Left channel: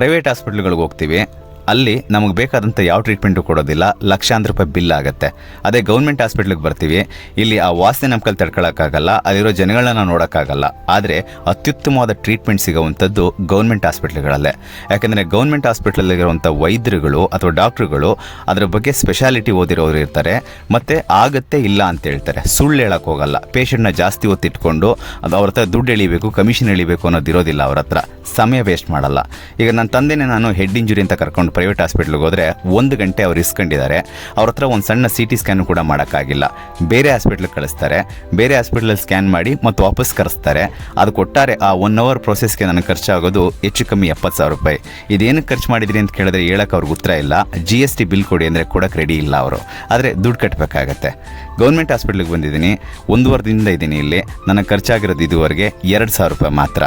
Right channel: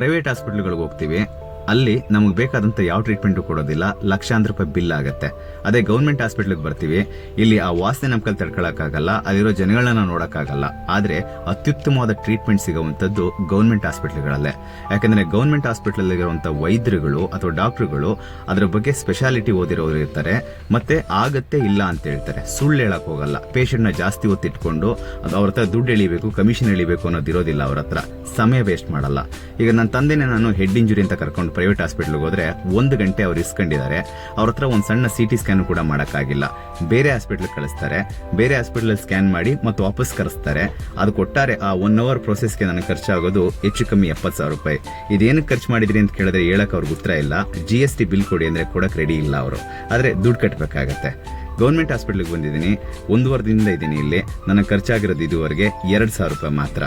Private ಹಾಸ್ಪಿಟ್ಲ್ಗಳಿಗೆ ಹೋಗ್ತೀವಿ, ಅಲ್ಲಿ ನಮಗೆ ಬೇಕಾದಂಥ ಯಾವ ಟ್ರೀಟ್ಮೆಂಟು ಕೊಡೋದಿಲ್ಲ, ಲಕ್ಷಾಂತರ ರೂಪಾಯಿ ಬಿಲ್ ಆಗುತ್ತೆ. ಅದೇ ಗೌರ್ಮೆಂಟ್ ಹಾಸ್ಪಿಟ್ಲಿಗೆ ಬರ್ತೀವಿ, ಇಲ್ಲಿ ಆ ವಾಸನೆ ನಮ್ಮ ಕೈಲಿ ತಡ್ಕೊಳ್ಳೋಕ್ಕಾಗಲ್ಲ, ಅಲ್ಲಿರೋ ಜನಗಳನ್ನ ನೋಡೋಕ್ಕಾಗಲ್ಲ. ಆದರೆ ಅತ್ಯುತ್ತಮವಾದ ಟ್ರೀಟ್ಮೆಂಟ್ ಸಿಗೋವಂಥದ್ದು ಗೌರ್ಮೆಂಟ್ ಹಾಸ್ಪಿಟ್ಲ್ಗಳಲ್ಲೇ. ಯಾಕೆಂದರೆ ಗೌರ್ಮೆಂಟ್ ಹಾಸ್ಪಿಟ್ಲಲ್ಲಿರುವಂಥ ವೈದ್ಯರುಗಳು ಅಥವಾ ಡಾಕ್ಟ್ರುಗಳು ಅದರ ಬಗ್ಗೆ ಸ್ಪೆಷಾಲಿಟಿ ಓದಿರೋರು ಇರ್ತಾರೆ, ಮತ್ತು ಆಗತ್ತೆ ಇಲ್ಲ ಅಂತ ಹೇಳ್ತಾರೆ, ಸುಳ್ಳು ಹೇಳೋಕ್ಕೆ ಹೋಗಲ್ಲ. ಪೇಷಂಟ್ನ ಜಾಸ್ತಿ ಹೊತ್ತಿಟ್ಕೊಂಡು ಅದು ಅವ್ರ ಹತ್ರ ದುಡ್ಡು ಎಳಿಬೇಕು, ಕಮಿಷನ್ ಎಳಿಬೇಕು ಅನ್ನೋದು ಇರೋದಿಲ್ಲ ಅವ್ರ ಹತ್ರ. ಸಮಯ ವೇಸ್ಟ್ ಮಾಡಲ್ಲ. ಈಗ ನನ್ನ ತಂದೆನೇ ನಾನು ಹೆಡ್ ಇಂಜುರಿ ಅಂತ ಕರ್ಕೊಂಡು ಪ್ರೈವೇಟ್ ಹಾಸ್ಪಿಟ್ಲಿಗೆ ಹೋದರೆ 1 ಗಂಟೆ ಅವ್ರು ಇಸ್ಕೊಂಡಿದ್ದಾರೆ. ಅವ್ರ ಹತ್ರ ಒಂದು ಸಣ್ಣ CT ಸ್ಕ್ಯಾನು ಕೂಡ ಮಾಡೋಕ್ಕಾಗಿಲ್ಲ. ಬೇರೆ ಹಾಸ್ಪಿಟ್ಲಿಗೆ ಕಳಿಸ್ತಾರೆ, ಬೇರೆ ಹಾಸ್ಪಿಟ್ಲಲ್ಲಿ ಸ್ಕ್ಯಾನ್ ಮಾಡಿ ಮತ್ತು ವಾಪಸ್ ಕರೆಸ್ತಾರೆ. ಅದು ಕೊಟ್ಟಾರೆ ಆ 1 ಅವರ್ ಪ್ರೊಸೆಸ್ಗೆ ನನಗೆ ಖರ್ಚಾಗೋದು ಹೆಚ್ಚು ಕಮ್ಮಿ 70,000 ರೂಪಾಯಿ. ಇದೇನಕ್ಕೆ ಖರ್ಚು ಮಾಡಿದ್ರಿ ಅಂತ ಕೇಳಿದ್ರೆ ಹೇಳೋಕೆ ಅವ್ರಿಗೆ ಉತ್ತರ ಇಲ್ಲ. GST ಬಿಲ್ ಕೊಡಿ ಅಂದರೆ ಕೊಡೋಕೆ ರೆಡಿ ಇಲ್ಲ ಅವರು. ಆದರೆ ದುಡ್ಡು ಕಟ್ಟಬೇಕಾಗತ್ತೆ. ಗೌರ್ಮೆಂಟ್ ಹಾಸ್ಪಿಟ್ಲಿಗೆ ಬಂದಿದ್ದೀನಿ, 1 ದಿನದಿಂದ ಇದ್ದೀನಿ ಇಲ್ಲಿ. ನನಗೆ ಖರ್ಚಾಗಿರೋದು ಇದುವರೆಗೆ 2,000 ರೂಪಾಯಿ ಮಾತ್ರ.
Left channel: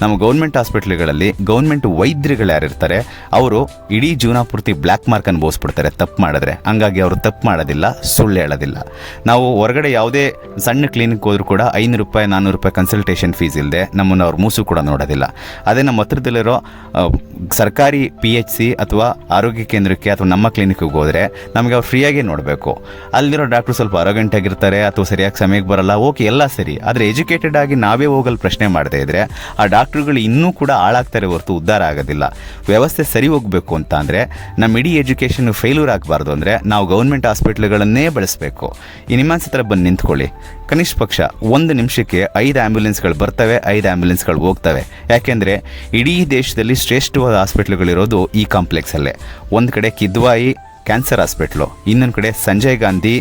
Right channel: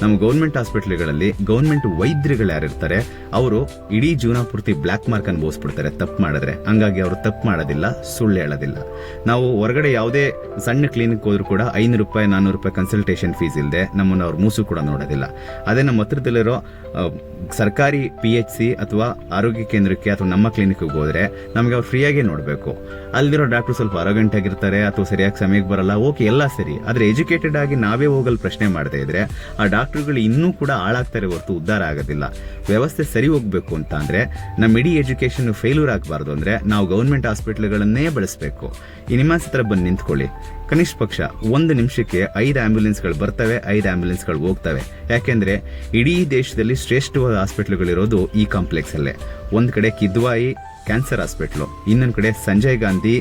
ನಮ್ಮ ಗೌರ್ಮೆಂಟ್ ಹಾಸ್ಪಿಟ್ಲ್ಗಳಲ್ಲಿ ಗೌರ್ಮೆಂಟ್ ವೈದ್ಯರುಗಳು ಯಾರಿರ್ತಾರೆ ಅವರು ಇಡೀ ಜೀವನ ಪೂರ್ತಿ ಬ್ಲ್ಯಾಕ್ ಮಾರ್ಕ್ ಅನ್ಭವಿಸ್ಬಿಡ್ತಾರೆ ತಪ್ಪು ಮಾಡಿದ್ರೆ. ಹಂಗಾಗಿ ಅವರು ತಪ್ಪು ಮಾಡೋದಿಲ್ಲ, ಸುಳ್ಳು ಹೇಳೋದಿಲ್ಲ. ನಾವು ಹೊರಗಡೆ ಯಾವುದೇ ಸಣ್ಣ ಕ್ಲಿನಿಕ್ ಹೋದ್ರೂ ಕೂಡ 500 ರೂಪಾಯಿ 400 ರೂಪಾಯಿ ಕನ್ಸಲ್ಟೇಷನ್ ಫೀಸ್ ಇಲ್ಲದೆ ನಮ್ಮನ್ನು ಅವ್ರು ಮೂಸು ಕೂಡ ನೋಡೋದಿಲ್ಲ. ಅದೇ ನಮ್ಮ ಹತ್ರದಲ್ಲಿರೋ ಸರ್ಕಾರಿ PHC ಅಥವಾ ಆರೋಗ್ಯ ಕೇಂದ್ರಕ್ಕೆ ಅಥವಾ ನಮ್ಮ ಕ್ಲಿನಿಕ್ಗೆ ಹೋದರೆ ನಮಗೆ ಅವ್ರು ಫ್ರೀಯಾಗಿ ನೋಡಬೇಕು. ಅಲ್ಲಿರೋ ಡಾಕ್ಟ್ರು ಸ್ವಲ್ಪ ಅರಗಂಟಾಗಿರ್ತಾರೆ ಅಥವಾ ಸರಿಯಾಗಿ ಸಮಯಕ್ಕೆ ಬರಲ್ಲ, ಓಕೆ ಎಲ್ಲ ಸರಿ. ಆದರೆ ಎಜುಕೇಟೆಡ್ ಆಗಿ ನಾವೇ ಹೋಗಲು ಪ್ರಶ್ನೆ ಮಾಡದೇ ಇದ್ದರೆ ಆ ಡಾಕ್ಟ್ರುಗಳು ಇನ್ನೂ ಕೂಡ ಹಾಳಾಗ್ತಾರೆ ಹೊರತು ಉದ್ಧಾರ ಆಗೋದಿಲ್ಲ. ವ್ಯವಸ್ಥೆ ಸರಿ ಹೋಗಬೇಕು ಅಂತ ಅಂದರೆ ನಮ್ಮ ಇಡೀ ಎಜುಕೇಷನ್ ಫೇಲ್ಯೂರ್ ಆಗಬಾರ್ದು ಅಂದರೆ ನಾವು ಗೌರ್ಮೆಂಟ್ ಹಾಸ್ಪಿಟ್ಲ್ಗಳನ್ನೇ ಬಳಸಬೇಕು. ಈ ನಿಮ್ಮ ಹತ್ರ ಬಂದು ನಿಂತ್ಕೊಳ್ಳಿ, ಕನಿಷ್ಠ ಪಕ್ಷ 1 ನಿಮಿಷಕ್ಕೆ 5 ಆ್ಯಂಬುಲೆನ್ಸ್ಗಳು ಬರ್ತವೆ, 5 ಆ್ಯಂಬುಲೆನ್ಸ್ಗಳು ಹೋಗ್ತವೆ. ಯಾಕೆಂದರೆ ಇಡೀ ದೇಶದಲ್ಲಿ ಶ್ರೇಷ್ಠವಾದ ಹಾಸ್ಪಿಟ್ಲ್ಗಳಿರೋದು ಈ ಕಾಂಪ್ಲೆಕ್ಸಲ್ಲೇ. ಒಂದು ಕಡೆ ಕಿದ್ವಾಯಿ ಕ್ಯಾನ್ಸರ್ ಹಾಸ್ಪಿಟ್ಲು, ಇನ್ನೊಂದು ಕಡೆ ಸಂಜಯ್ ಗಾಂಧಿ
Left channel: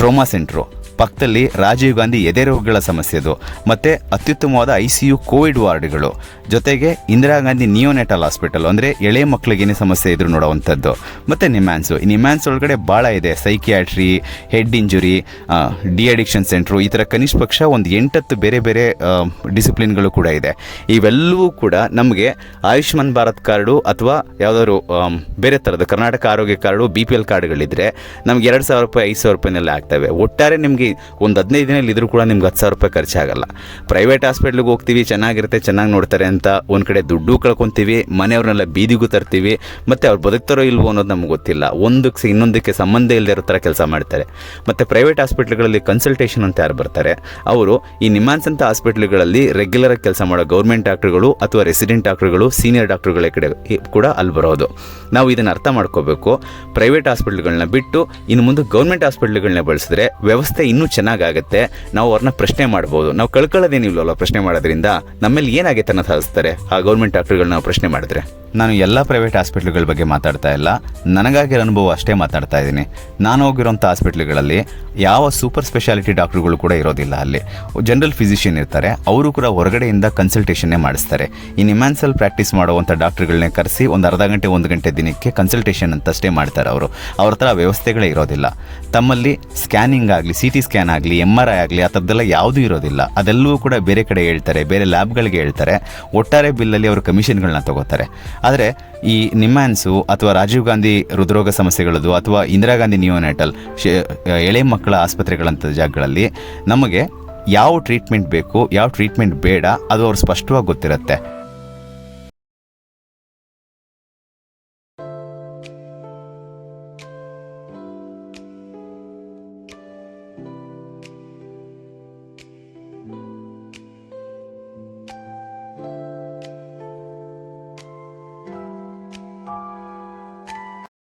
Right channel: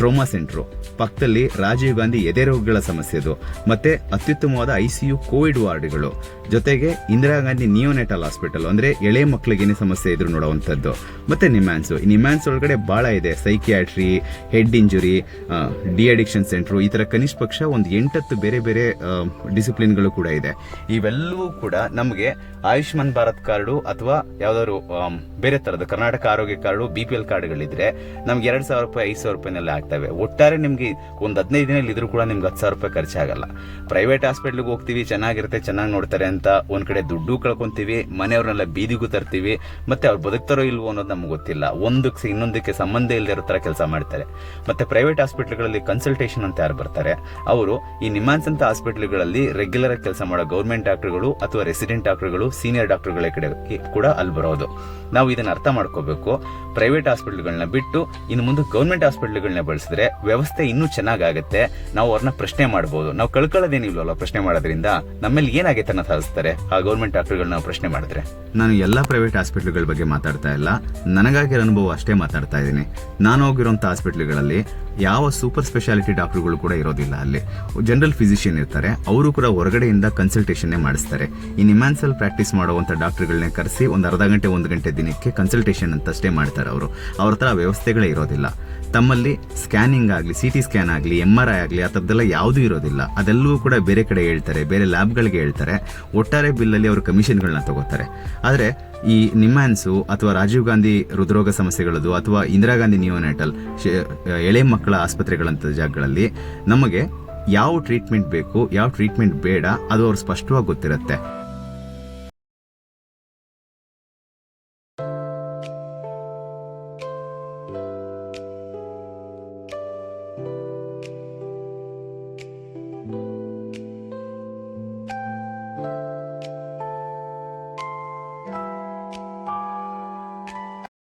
ಟ್ರೋಮಾ ಸೆಂಟ್ರು, ಪಕ್ಕದಲ್ಲಿ ರಾಜೀವ್ ಗಾಂಧಿ ಎದೆ ರೋಗಗಳ ಸಮಸ್ಯೆದು, ಮತ್ತು ಅತ್ಯುತ್ತಮವಾದ ICU ಕೋವಿಡ್ ವಾರ್ಡ್ಗಳು, ಜೊತೆಗೆ ಇಂದಿರಾ ಗಾಂಧಿ ನಿಯೋನೆಟಲ್ ಹಾಸ್ಪಿಟಲ್ ಅಂದರೆ ಎಳೆ ಮಕ್ಕಳಿಗೆ ಏನೇ ಸಮಸ್ಯೆ ಇದ್ರು ನೋಡೋವಂಥದ್ದು, ಮತ್ತು ನಿಮ್ಯಾನ್ಸು. ಈ ನಿಮ್ಯಾನ್ಸ್ ಒಳಗಡೆ ಭಾಳ ಇದೆ, psychiatry, head injury, de addiction centre, ಈ ಥರ ಕನಿಷ್ಠ ಪಕ್ಷ ಒಂದು 8-10 ಬೇರೆ ಬೇರೆ ಡಿಸಿಪ್ಲಿನ್ಗಳು ಕೂಡ ಇದೆ. ಇವೆಲ್ಲವೂ ಕೂಡ ನಮಗೆ ಆಯುಷ್ಮಾನ್ ಭಾರತ್ ಕಾರ್ಡು ಅಥವಾ ಯಾವುದಾದ್ರು ಬೇರೆ ಥರದ ಕರ್ನಾಟಕ ಆರೋಗ್ಯ ಕಾರ್ಡು BPL ಕಾರ್ಡ್ಗಳಿದ್ರೆ ನಮ್ಗೆ 2,000 ರೂಪಾಯಿ 5,000 ರೂಪಾಯಿನೆಲ್ಲ ಆಗ್ತವೆ. ಒಟ್ಟಾರೆ ನಿಮಗೆ ಒಂದು 15 ದಿನದಲ್ಲಿ ಇದ್ರೂ ಕೂಡ ನಿಮ್ಗೆ 10,000 ರೂಪಾಯಿ ಖರ್ಚಾಗಲ್ಲ. ಪ್ರೈವೇಟ್ ಹಾಸ್ಪಿಟ್ಲಿಗೆ ಹೋಗ್ತೀವಿ, ಚೆನ್ನಾಗಿರುತ್ತೆ, ಚೆನ್ನಾಗಿ ನೋಡ್ತಾರೆ ಅಂತ ಒಂದು ಕಡೆ ದುಡ್ಡು ಕಳ್ಕೊತೀವಿ, ಮನೆಯವ್ರನ್ನೆಲ್ಲ ಬೀದಿಗೂ ತರ್ತೀವಿ, ಮತ್ತು ಅವ್ರು ಬದುಕ್ತಾರೋ ಇಲ್ವೋ ಅನ್ನೋದು ನಮ್ಗೆ ಗೊತ್ತಿಲ್ಲ. ಒಂದಕ್ಕೆ ಇನ್ನೊಂದಕ್ಕೆ ಸಂಬಂಧ ಇಲ್ಲದೆ ಇರೋ ಥರ ಕೆಲಸ ಮಾಡ್ತಾರೆ. ಮತ್ತು ಪ್ರೈವೇಟ್ ಹಾಸ್ಪಿಟ್ಲ್ಗಳಲ್ಲಿ ಕನ್ಸಲ್ಟೇಷನ್ ಅಂತ ಯಾರು ಬರ್ತಾರೆ ಅವರು ಈ ನಿಮ್ಯಾನ್ಸ್ ಅಂತ ಹಾಸ್ಪಿಟ್ಲ್ಗಳಲ್ಲಿ ರೆಗ್ಯುಲರಾಗಿ ಕೆಲಸ ಮಾಡೋ ಗೌರ್ಮೆಂಟ್ ಡಾಕ್ಟ್ರುಗಳು ಅಥವಾ ರೆಸಿಡೆಂಟ್ ಡಾಕ್ಟ್ರುಗಳು, ಸೀನಿಯರ್ ಡಾಕ್ಟ್ರುಗಳ ಕಡೆ ಕೂಡ ಅಲ್ಲಿ ಬರೋದು. ನಾವು ಇದನ್ನು ಅರ್ಥ ಮಾಡ್ಕೋಬೇಕು. ಪ್ರೈವೇಟ್ ಹಾಸ್ಪಿಟ್ಲ್ಗಳನ್ನ ಬಿಟ್ಟು ಇನ್ನು ಮುಂದೆ ಗೌರ್ಮೆಂಟ್ ಹಾಸ್ಪಿಟ್ಲ್ಗಳನ್ನ ಬಳಸಿದ್ರೆ ವ್ಯವಸ್ಥೆ ಇನ್ನೂ ಚೆನ್ನಾಗಾಗುತ್ತೆ. ನಾವು ಅವ್ರನ್ನ ಪ್ರಶ್ನೆ ಮಾಡ್ಬೋದು. ನಾವು ಕಳ್ಕೊಳ್ಳೋದೇನಿಲ್ವಲ್ಲ ಪ್ರಶ್ನೆ ಮಾಡೋದ್ರಿಂದ. ನಮ್ಮಲ್ಲಿ ಏನಾಗೈತೆ ಅನ್ನೋ ಸಾಧಿಸ್ತಾರೆ ಆ ಗೌರ್ಮೆಂಟ್ ಡಾಕ್ಟರ್ಗಳನ್ನ ನಾವು ಪ್ರಶ್ನೆ ಮಾಡಿದ್ರೆ. ನಾನು ಎಲ್ಲ ಪ್ರೈವೇಟ್ ಹಾಸ್ಪಿಟ್ಲ್ಗಳ ಬಗ್ಗೆ ಮಾತಾಡ್ತಾ ಇಲ್ಲ, ನನಗಾಗಿರೋ ಅನುಭವ ಅಷ್ಟೇ ಮಾತಾಡ್ತಾ ಇದ್ದೀನಿ. ನಾನು ಹೋಗಿರೋಂಥ ಹಾಸ್ಪಿಟ್ಲ್ಗಳಲ್ಲಿ ಯಾವ ಸೂಪರ್ ಸ್ಪೆಷಾಲಿಟಿ ಡಾಕ್ಟ್ರುಗಳು ಕೂಡ ಇರೋದಿಲ್ಲ. ಅಲ್ಲಿ ಜನರಲ್ ಫಿಸಿಷಿಯನ್ ಇರ್ತಾರೆ, ಅವರು ಕೂಡ ಹೊರಗಡೆಯಿಂದ ಕನ್ಸಲ್ಟೇಷನ್ನೇ ಮಾಡಿಸ್ತಾರೆ. ಈ ನಿಮ್ಯಾನ್ಸಲ್ಲಿ ಪ್ರಾಕ್ಟೀಸ್ ಮಾಡುವಂಥ ಡಾಕ್ಟ್ರುಗಳನ್ನೇ ಕರೆಸಿ ಒಂದು ಅರ್ಧ ಗಂಟೆ 1 ಗಂಟೆ ದಿನಕ್ಕೆ ಕನ್ಸಲ್ಟೇಷನ್ ಅಂತಷ್ಟೇ ಮಾಡ್ತಾರೆ ಅವರು. ಅವ್ರ ಹತ್ರ ವ್ಯವಸ್ಥೆಗಳೇ ಇರೋದಿಲ್ಲ. ತಮ್ಮಲ್ಲಿ ಸ್ಕ್ಯಾನಿಂಗ್ ಆಗಲಿ, CT ಸ್ಕ್ಯಾನ್ ಆಗಲಿ, MRI ಆಗಲಿ ಆ ಥರದ್ದೆಲ್ಲ ಯಾವುದೂ ಇರೋದಿಲ್ಲ. ಅದೆಲ್ಲವೂ ಕೂಡ ಬೇರೆ ಕಡೆ ಹೇಳ್ತಾರೆ, ಬೇರೆ ಲ್ಯಾಬ್ಗಳಿಗೆ ಹೇಳ್ತಾರೆ. ಒಟ್ಟಾರೆ ಬಿಲ್ಲಲ್ಲಿ ಅವರು ಕಮಿಷನ್ಗಳನ್ನ ತಗೋತಾರೆ. ಆದರೆ ಈ ನಿಮ್ಯಾನ್ಸು ಅಥವಾ ರಾಜೀವ್ ಗಾಂಧಿ ಹೃದ್ರೋಗ ಸಮಸ್ಯೆಗಳದು ಅಥವಾ ಇಂದಿರಾ ಗಾಂಧಿ ನಿಯೋನೆಟಲ್ ಎಳೆ ಮಕ್ಕಳ ಆಸ್ಪತ್ರೆಗಳಂಥ ಜಾಗಗಳಲ್ಲಿ ನಮಗೆ ಯಾವ ಟ್ರೀಟ್ಮೆಂಟ್ ಬೇಕು, ಯಾವ ಟ್ರೀಟ್ಮೆಂಟ್ ಬೇಡ ಅದು ಅವ್ರು ಸ್ಪಷ್ಟವಾಗಿ ಗೊತ್ತಿರುತ್ತೆ.